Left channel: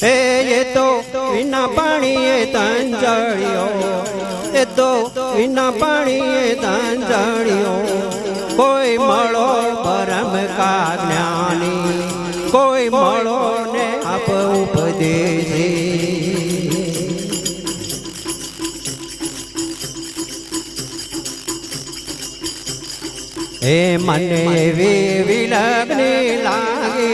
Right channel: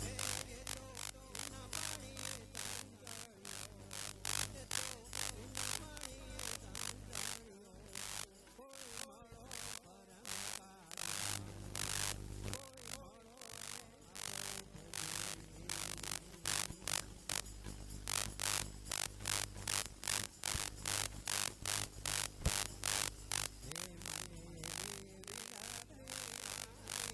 એ તો વિના પાણીએ તંજળ્યો, એ તો વિના પાણીએ તંજળ્યો. કોઈ મળો પરમ કા જ્ઞાની, કોઈ મળો ને આપ ઉપદેશી. હે મને એવી વિલગ્ની લાગે,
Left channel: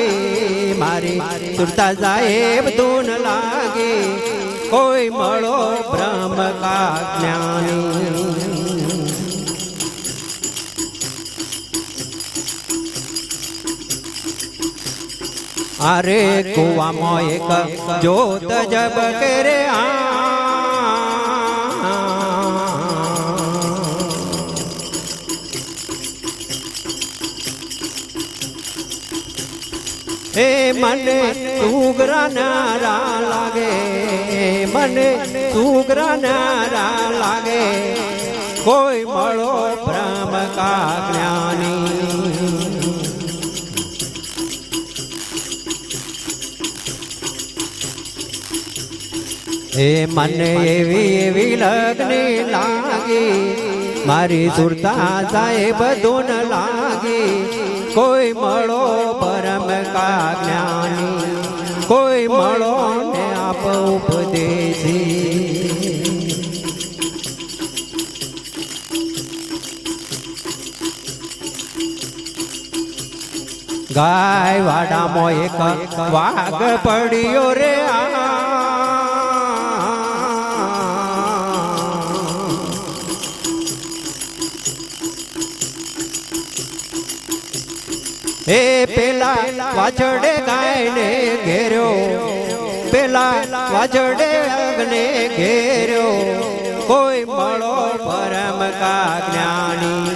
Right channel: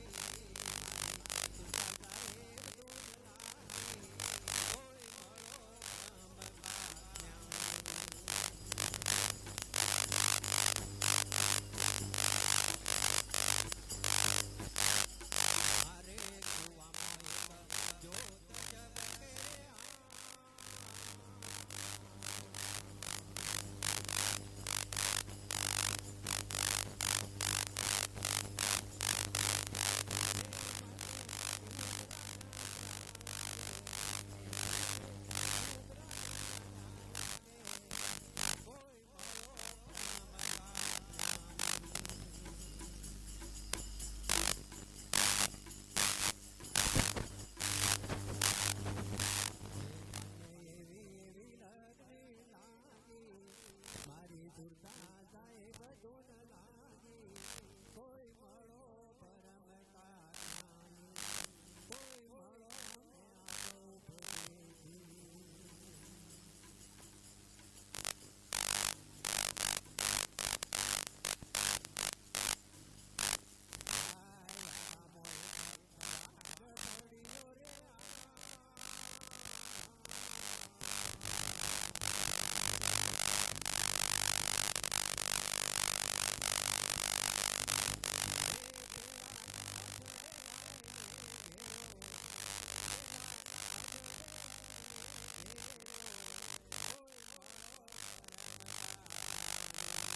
મારી સુરતા સાહેબ ધૂન લાગે. કોઈ મળો બ્રહ્મ કા જ્ઞાની. અરે કુવામાં એક જ્યોત જબકે રે હે મને સુગરા નારા લાગે, મને સુગરા નારા લાગે. કોઈ મળો બ્રહ્મ કા જ્ઞાની. હે મને એવી વિલગ્ની લાગી, મારી સુરતા સાહેબ ધૂન લાગી. કોઈ મળો પરમ કા જ્ઞાની, કોઈ મળો ને આપ ઉપદેશી. ગાય વાડામાં એક વાઘ પડ્યો રે હે પેલા વાછડે ગાયને ઘેર્યો, પેલા વાછડે અગ્ને ઘેર્યો. કોઈ મળો પરમ કા જ્ઞાની.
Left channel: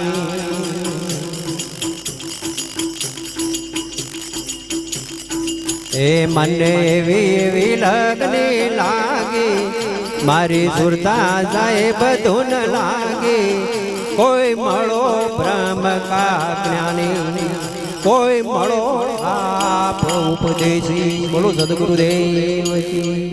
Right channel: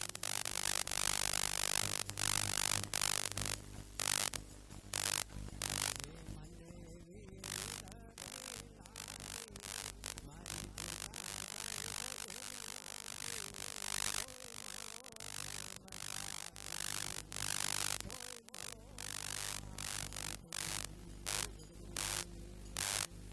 એ મને એવી વિલગ્ની લાગી, મારી સુરતા સાહેબ ધૂન લાગી. કોઈ મળો બ્રહ્મ કા જ્ઞાની, કોઈ મળો આપ ઉપદેશી. બોલો સદગુરુદેવ કી.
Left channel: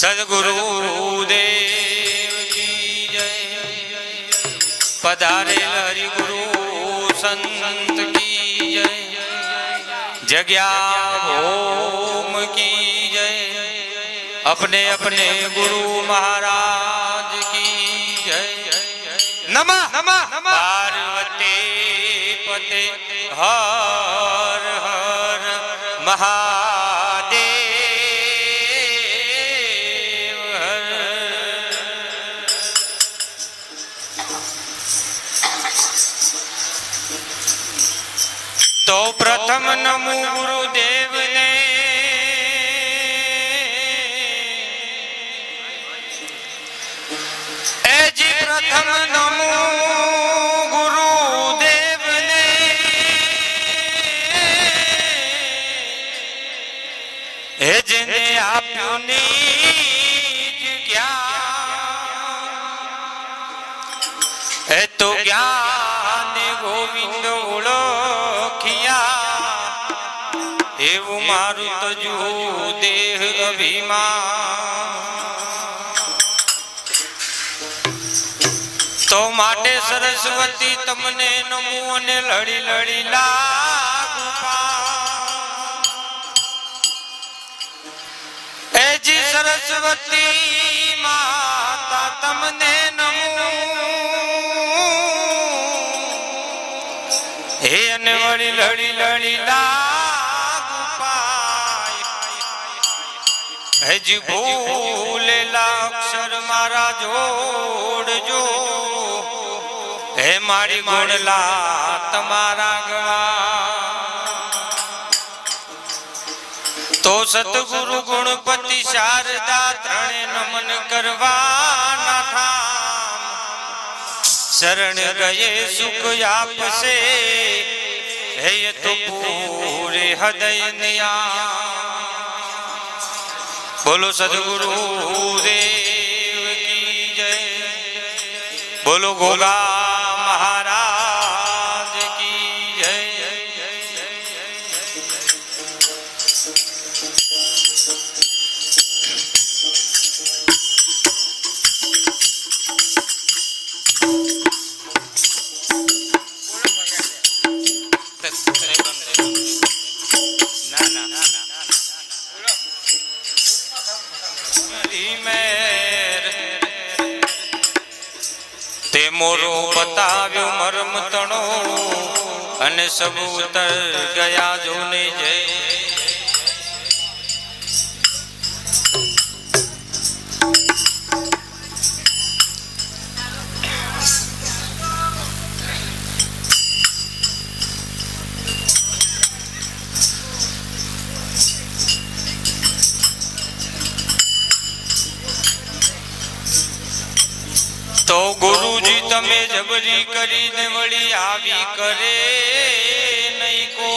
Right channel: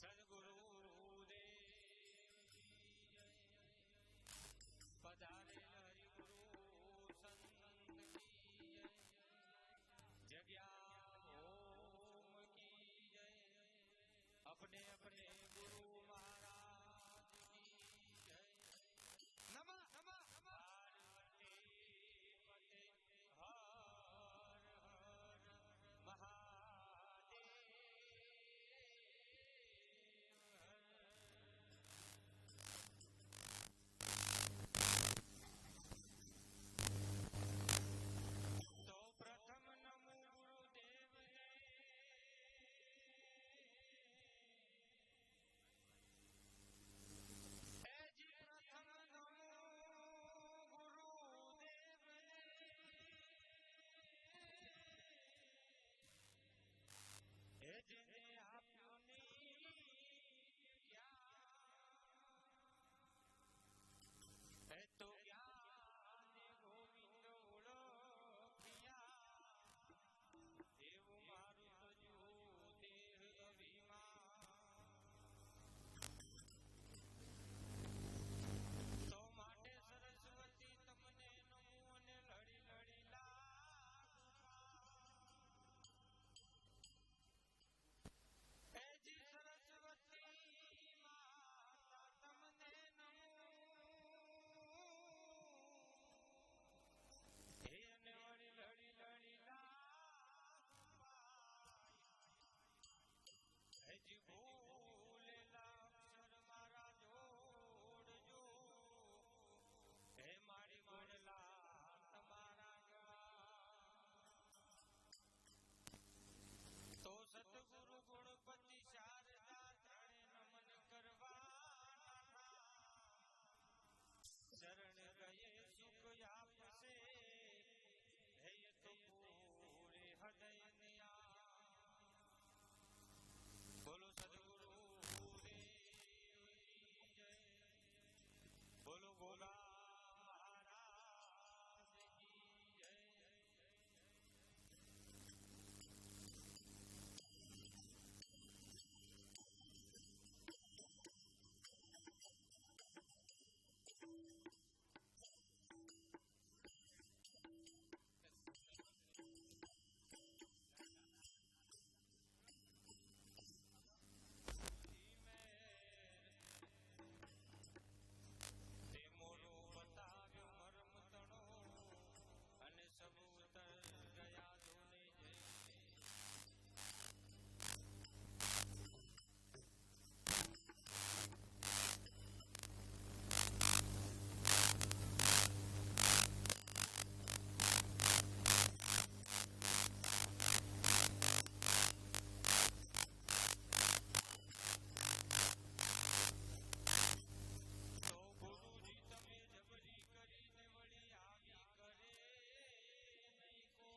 સદગુરુદેવ કી જય. પધારેલ હરિગુરુ સંત કી જય. જગ્યા ઓમ કી જય. अपने अपने गुरु महाराज की जय. नमः नमः पार्वती पते हर हर महादेव हर. तो प्रथम नमो गुरुदेव ने, प्रथम नमो गुरुदेव ने. हे जेने आप्યું નીજ જ્ઞાન, હે તો જ્ઞાન ગોવિંદ ઓળખ્યા. એવું મારું તજુ દેહ અભિમાન. તો માટે સરસ્વતી તમને નમો અને લડી લડી લાગુ પા. એ જી સરસ્વતી માતા તમને નમો, હે અને વળી લડી લડી લાગુ પાય. હજી ભૂલેલા અક્ષર મારા જોડજો. હે મારી ગુણલા તમારા ગવા. તો સતગુરુ ગુણપતિ શારદા ત્રણે નમન કરવાના ઠામ. શરણ ગયે સુખ આપશે, હે તો પૂરે હૃદય નિયા. બોલો સદગુરુ દેવ કી જય. બોલો ગોગા મહારાજ કી જય. ના ના ના તે મોરો બતાવ્યો મરમ તણો અને સબુ ઉતર ગયા જોને જય. તો ગુરુજી તમે જબરી કરીને વળી આવી કરે નહીં કો.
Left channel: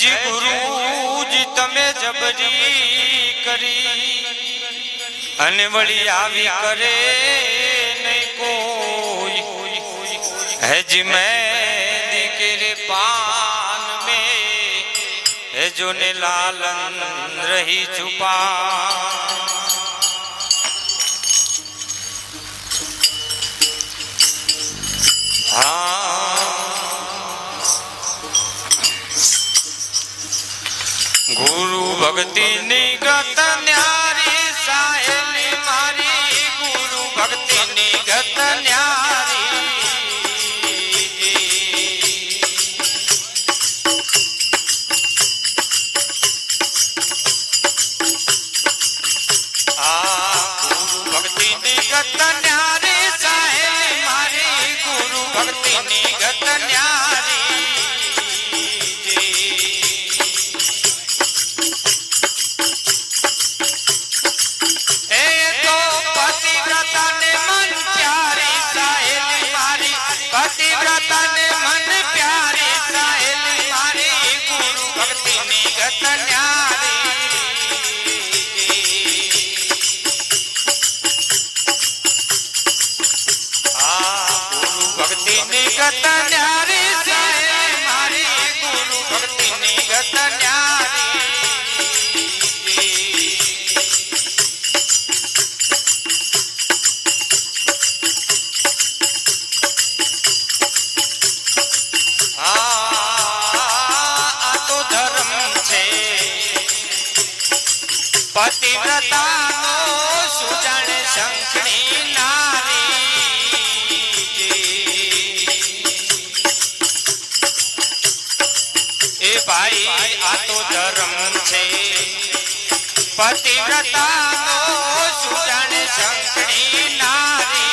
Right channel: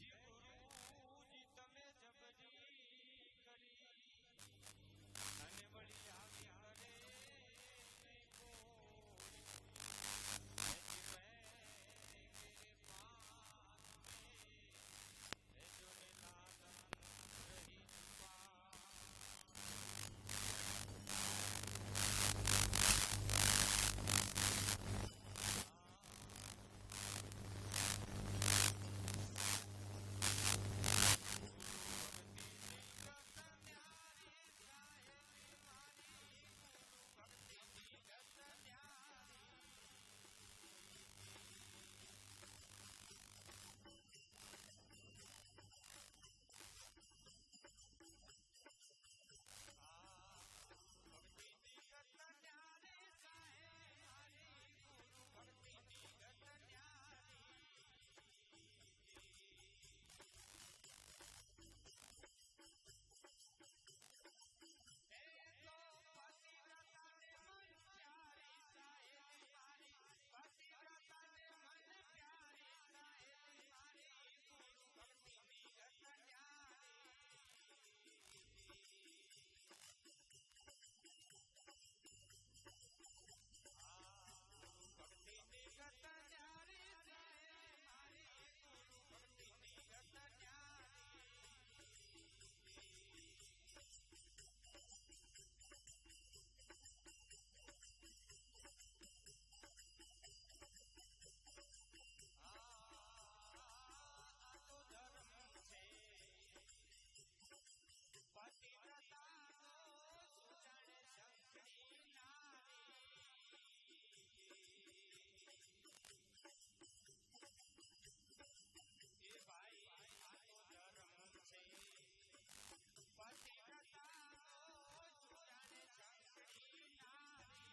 જી ગુરુજી તમે જબરી કરી અને વળી આવી કરે નહીં કોઈ. જી મેં દીકરે પાન में है जो ने लालन रही छुपा. ગુરુ ભક્તિ ની ગત ન્યારી સાહેલી મારી. ગુરુ ભક્તિ ની ગત ન્યારી. ગુરુ ભક્તિ ની ગત ન્યારી સાહેલી મારી. ગુરુ ભક્તિ ની ગત ન્યારી. પતિવ્રતા ને મન પ્યારી સાહેલી મારી. ગુરુ ભક્તિ ની ગત ન્યારી. ગુરુ ભક્તિ ની ગત ન્યારી સાહેલી મારી. ગુરુ ભક્તિ ની ગત ન્યારી. પતિવ્રતા નો સુજણ શંખની નારી. એ ભાઈ આ તો ધર્મ છે. પતિવ્રતા નો સુજણ શંખની નારી.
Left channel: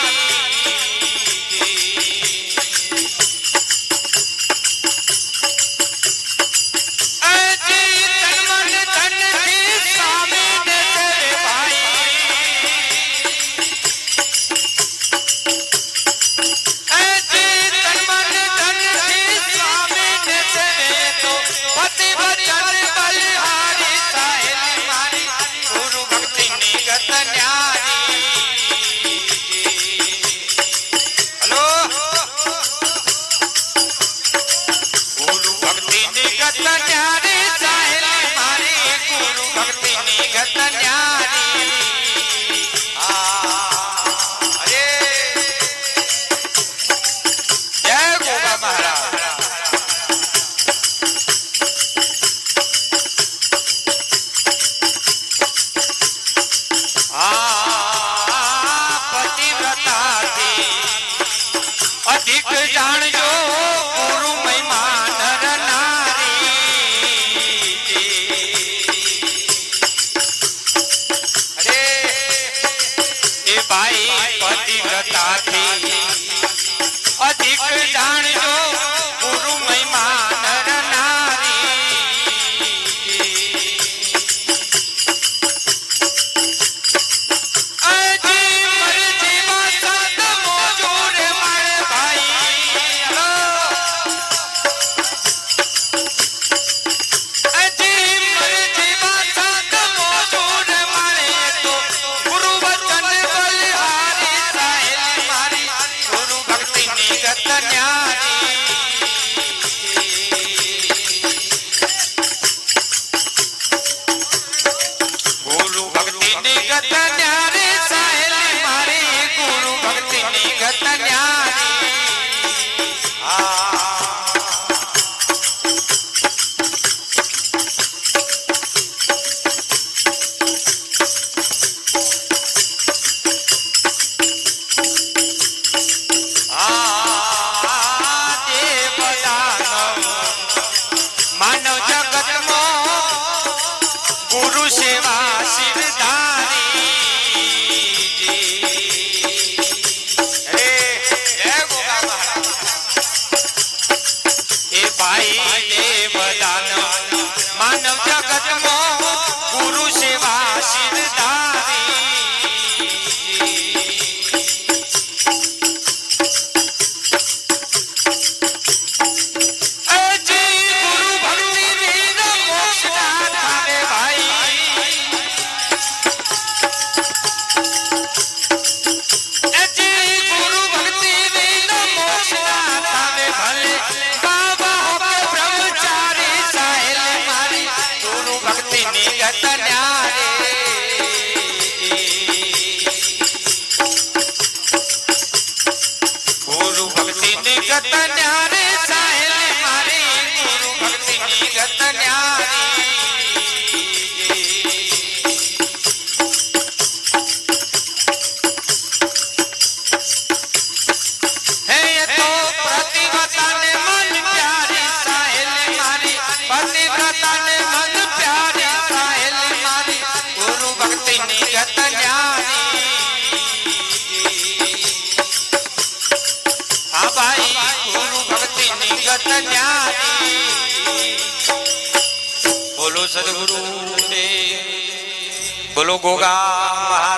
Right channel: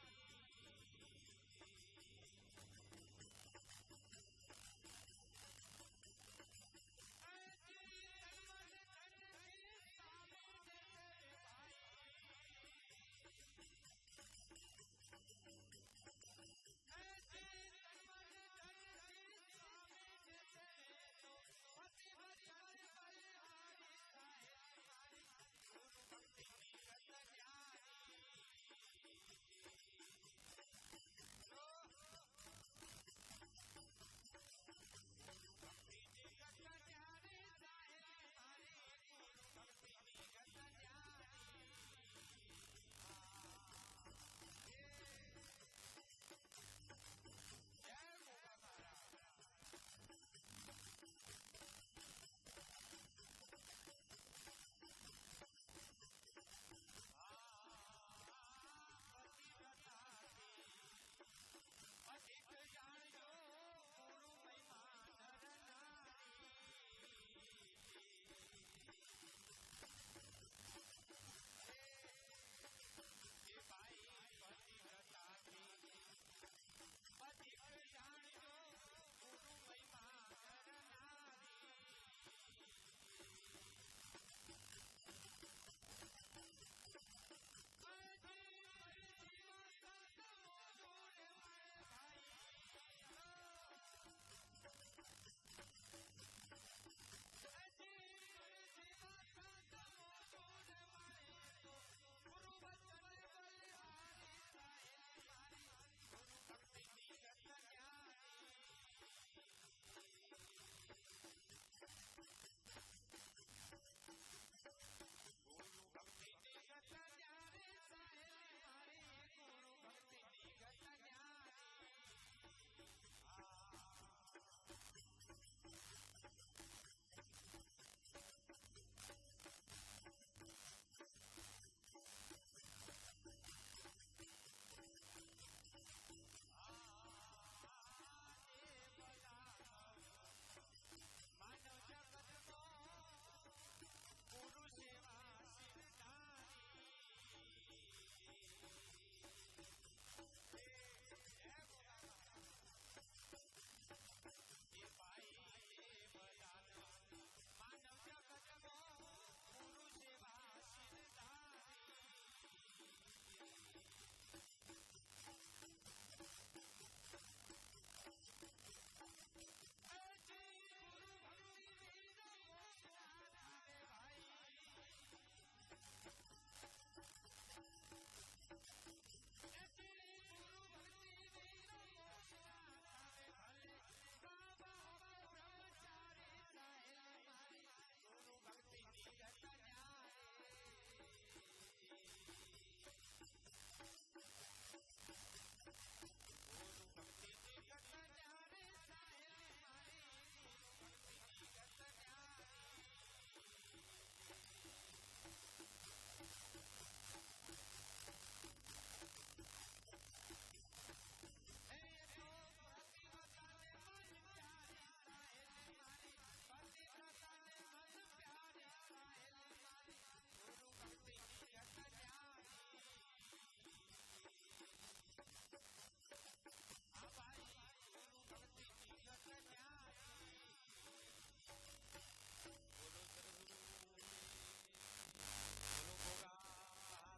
ગત ન્યારી સાહેલી મારી ગુરુ ભક્તિની ગત ન્યારી માનવ જગતમાં ગુરુ સેવા શિરધારી એ ભાઈ દેવદાન માનવ જગતમાં ગુરુ સેવા શિરધારી ગુરુ ભક્તિ નિગત ન્યારી સાહેલી મારી ગુરુ ભક્તિ નિગત ન્યારી હે તો પ્રતિવ્રતાને મન પ્યારી સાહેલી મારી પતિવ્રતાને મન પ્યારી સાહેલી મારી ગુરુ ભક્તિ નિગત ન્યારી હા ભાઈ ગુરુ ભક્તિ નિગત ન્યારી બોલો સદગુરુ દેવ બોલો ગોગા